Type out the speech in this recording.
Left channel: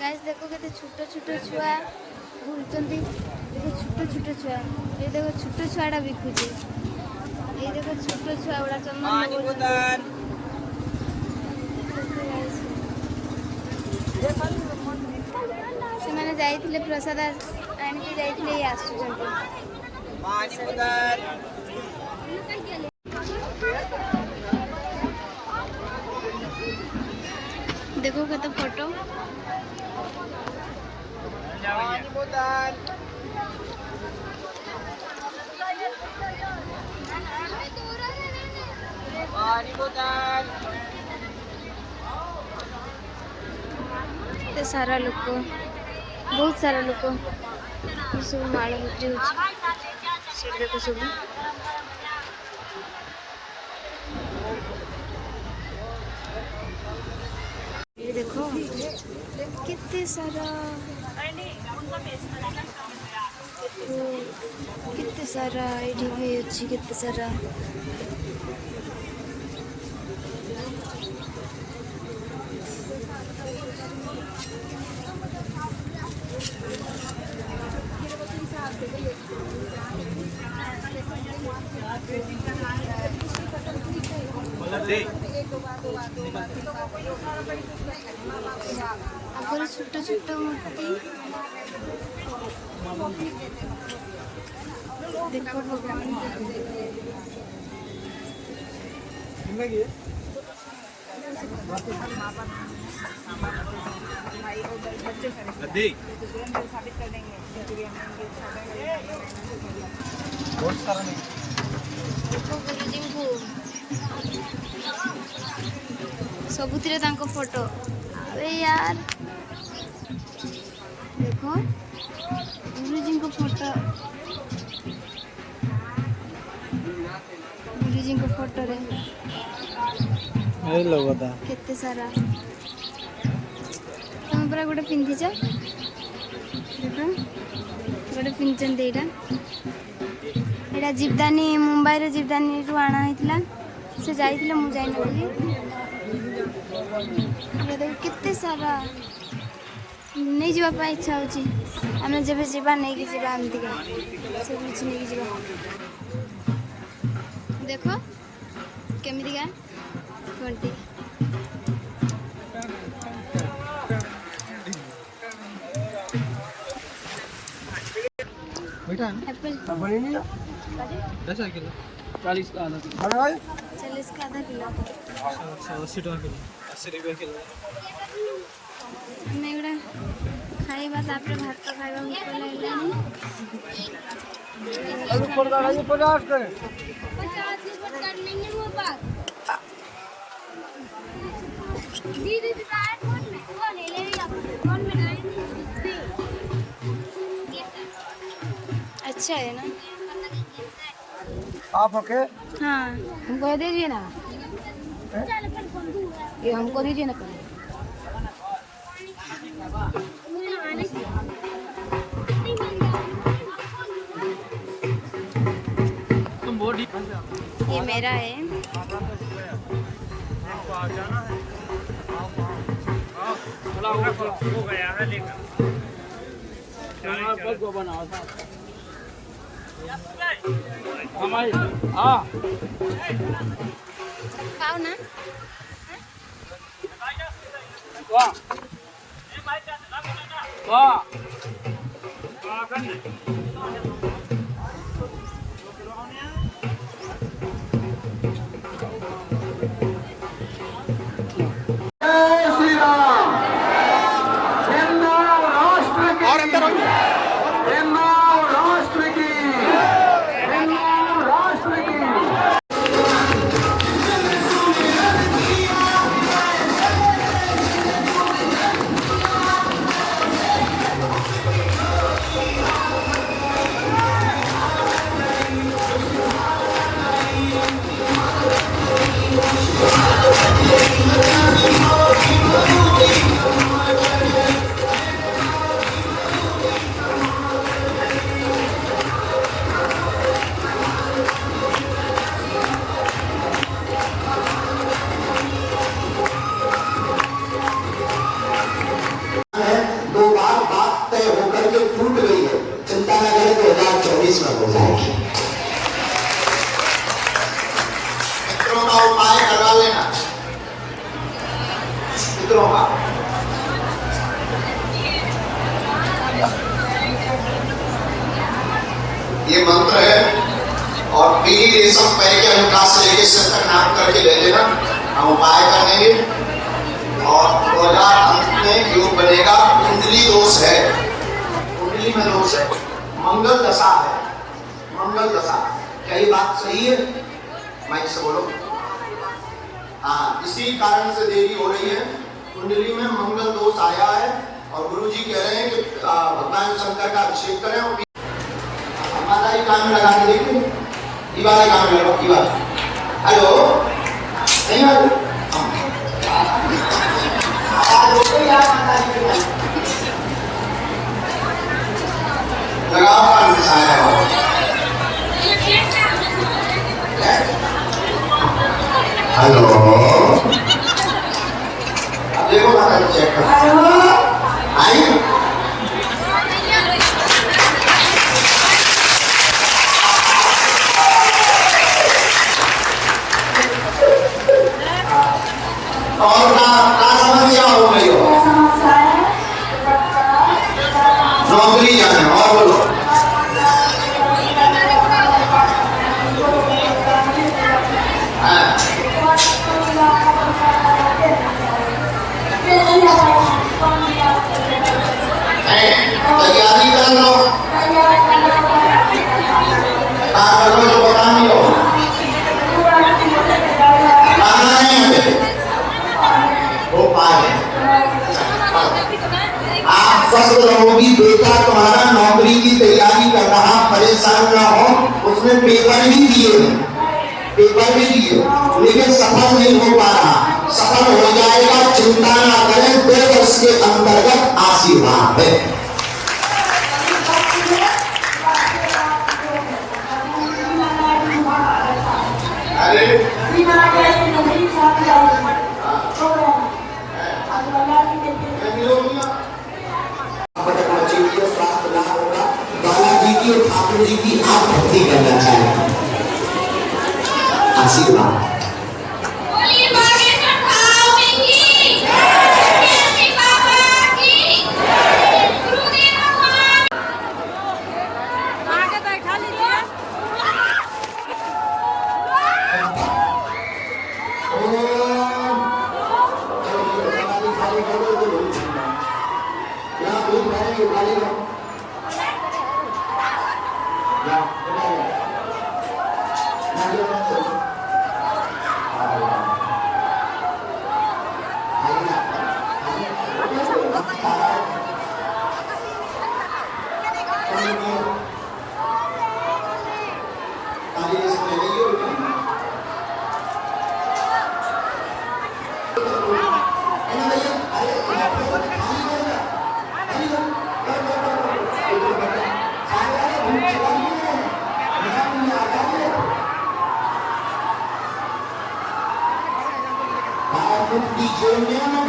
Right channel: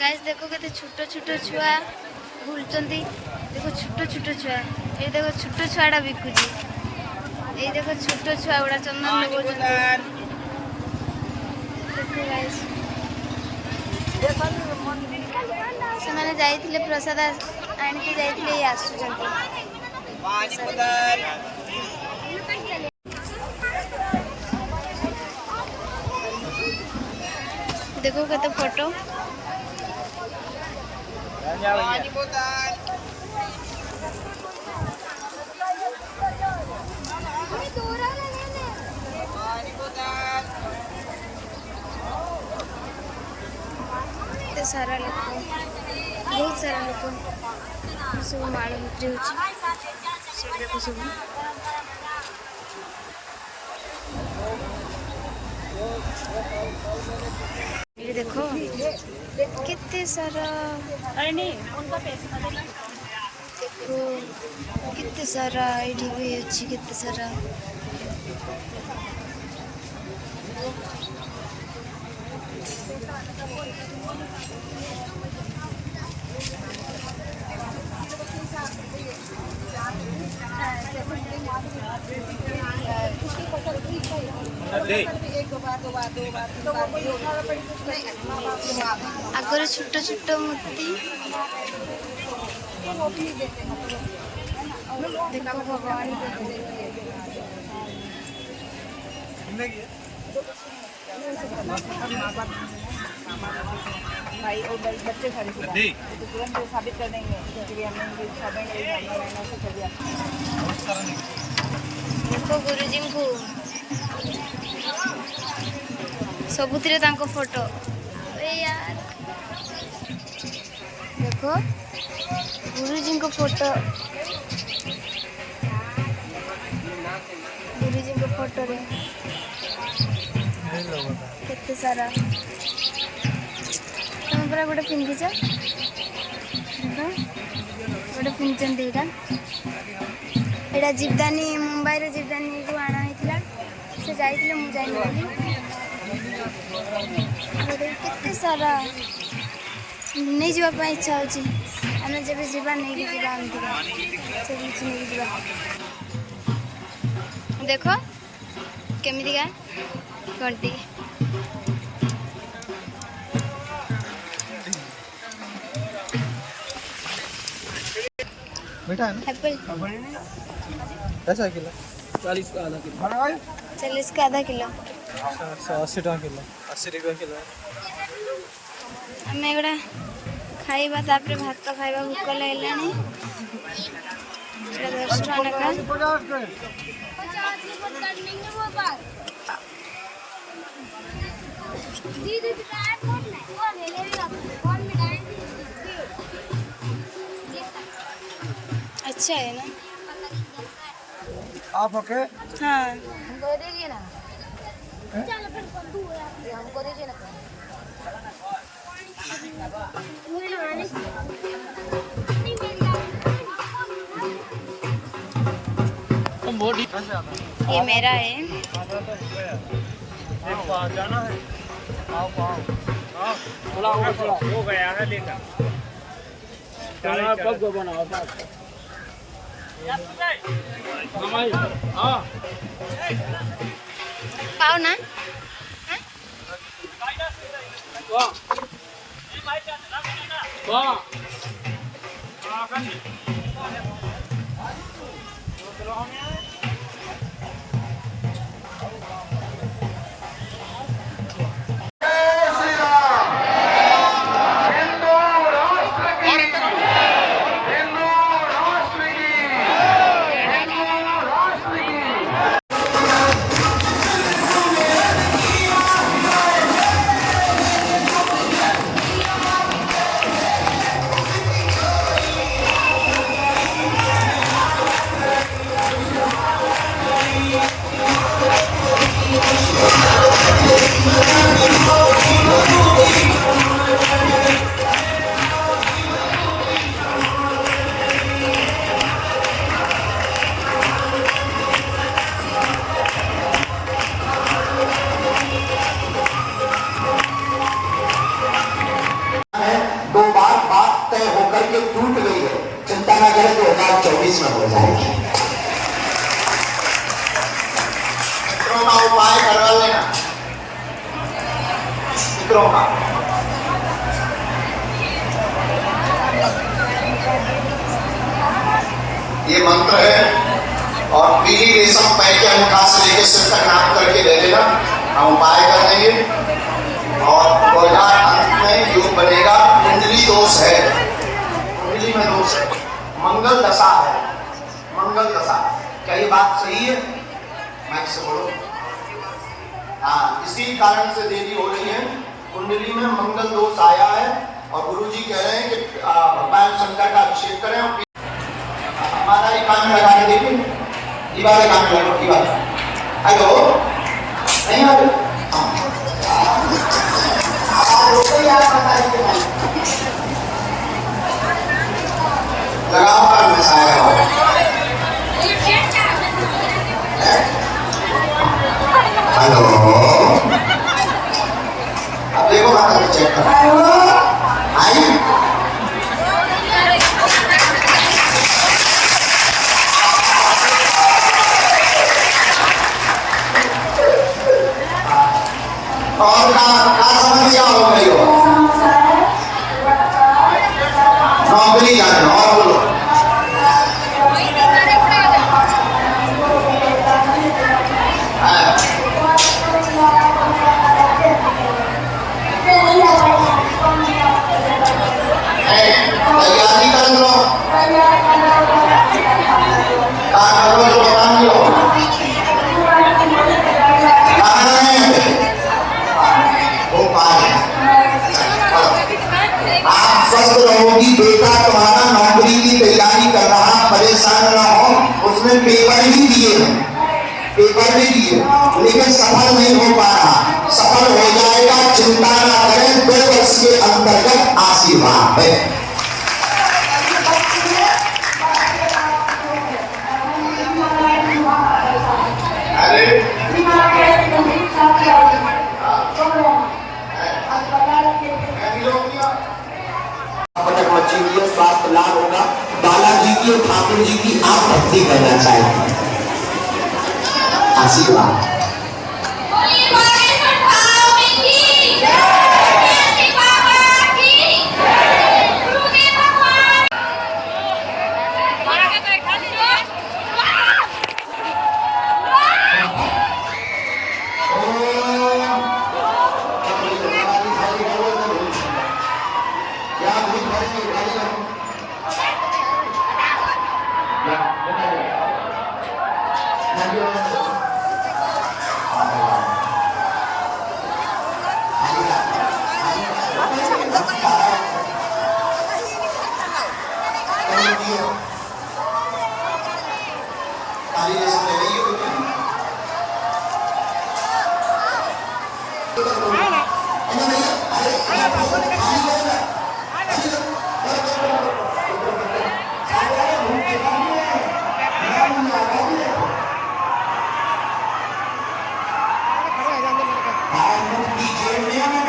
Guys देखो केते छोट छोट छुआ बुलचंदी। देखो छोट छोट छुआ ये देखो छोट छुआटा बिकुची। ये देखो छोट छुआ गुड़ा चंदन लगौछंती। देखो गाइस से माने जाइथिले प्रसाद आनिके जाइथिले ये आसुचंती। देखो केते फोटो ते सारा लोक बहुत सारा लोक सब माल बिक्री होची। देखो सब ये देखो कितने सारा देखो कितने सारा ये भी अच्छी कितने सारा आगर छोट छोट मूर्ति देखो भगवान देखो गुरुजी को सबुतिरे तांको फोटो। अरे यार देखो गुरुजी को फोटो गुरुजी को फोटो रे केते सारा तुम पूरा गोटे पिंधिच देखो गोटे पिंधि एटा जीवदानी मुंबई रे जीवदानी को आना होइतिला से जाइतिले मु जाई नली केते सारा नहीं जीवा पाई इच्छा होची। आमे जब जीवा नहीं कि जीवा आंतिका सब कुछ नहीं जीवा। देखो केमिति का घंटी बेटा है ना एप्पल कैसा किलो 40 का आधा किलो 40 का आधा किलो 80 टका किलो 80 रुपया किलो। आम एगुड़ा खाइबा तापर भात खाइबा भूक लागलानी। अच्छा है ना आप ओके? हाँ हमको दीजिए ना ये हमको दीजिए ना ये मेरा है। कब बनाओ पाओ ना दो बार बात तय होकर के टूट गई है, चिंता न करें 2024 में हो जाएगी। मित्रों का उपाय करवा लेना, मित्रों का ये मंत्र है और पीली रेशम पहन के अंगूठा से लेकर सिर तक नाम करके दे देना, हम उपाय कर देंगे। और में योग बनेगा। कुंडली दोष है, कुंडली में दोष है, मंगल दशा है, मंगल दशा। क्या ये बात सही है? माइक से बोलो। हाँ, इसी कारण से देरी हो रही है, कुंडली में मंगल दोष आया है और गुरु जी कह रहे हैं कि भगवान शंकर का अभिषेक करें। और माता जी काम लगा के देखिए, दीवार काम लगा, दीवार। हेलो, नहीं बात लगातार दिखाया हो। हेलो, देखो ना, चेक करो। आइए, और क्या समस्या हो गई हो? नौकरी जाना और बोलो। तैयारी कर लो, बेटा तुम्हारा नौकरी की तैयारी कर रहा, परेशान ना हो। उसमें पेपर भी दिए हैं, पेपर भी दिए, लेकिन सफल नहीं हो पा रहा। सफल हो जाएगा, चिंता ना करें। 2 वर्ष के अंतर्गत आशीर्वाद है। स्वास्थ्य लाभ होगा। बालाजी की और ठाकुर जी की आप भक्ति करना चाहिए। आशीर्वाद। DJ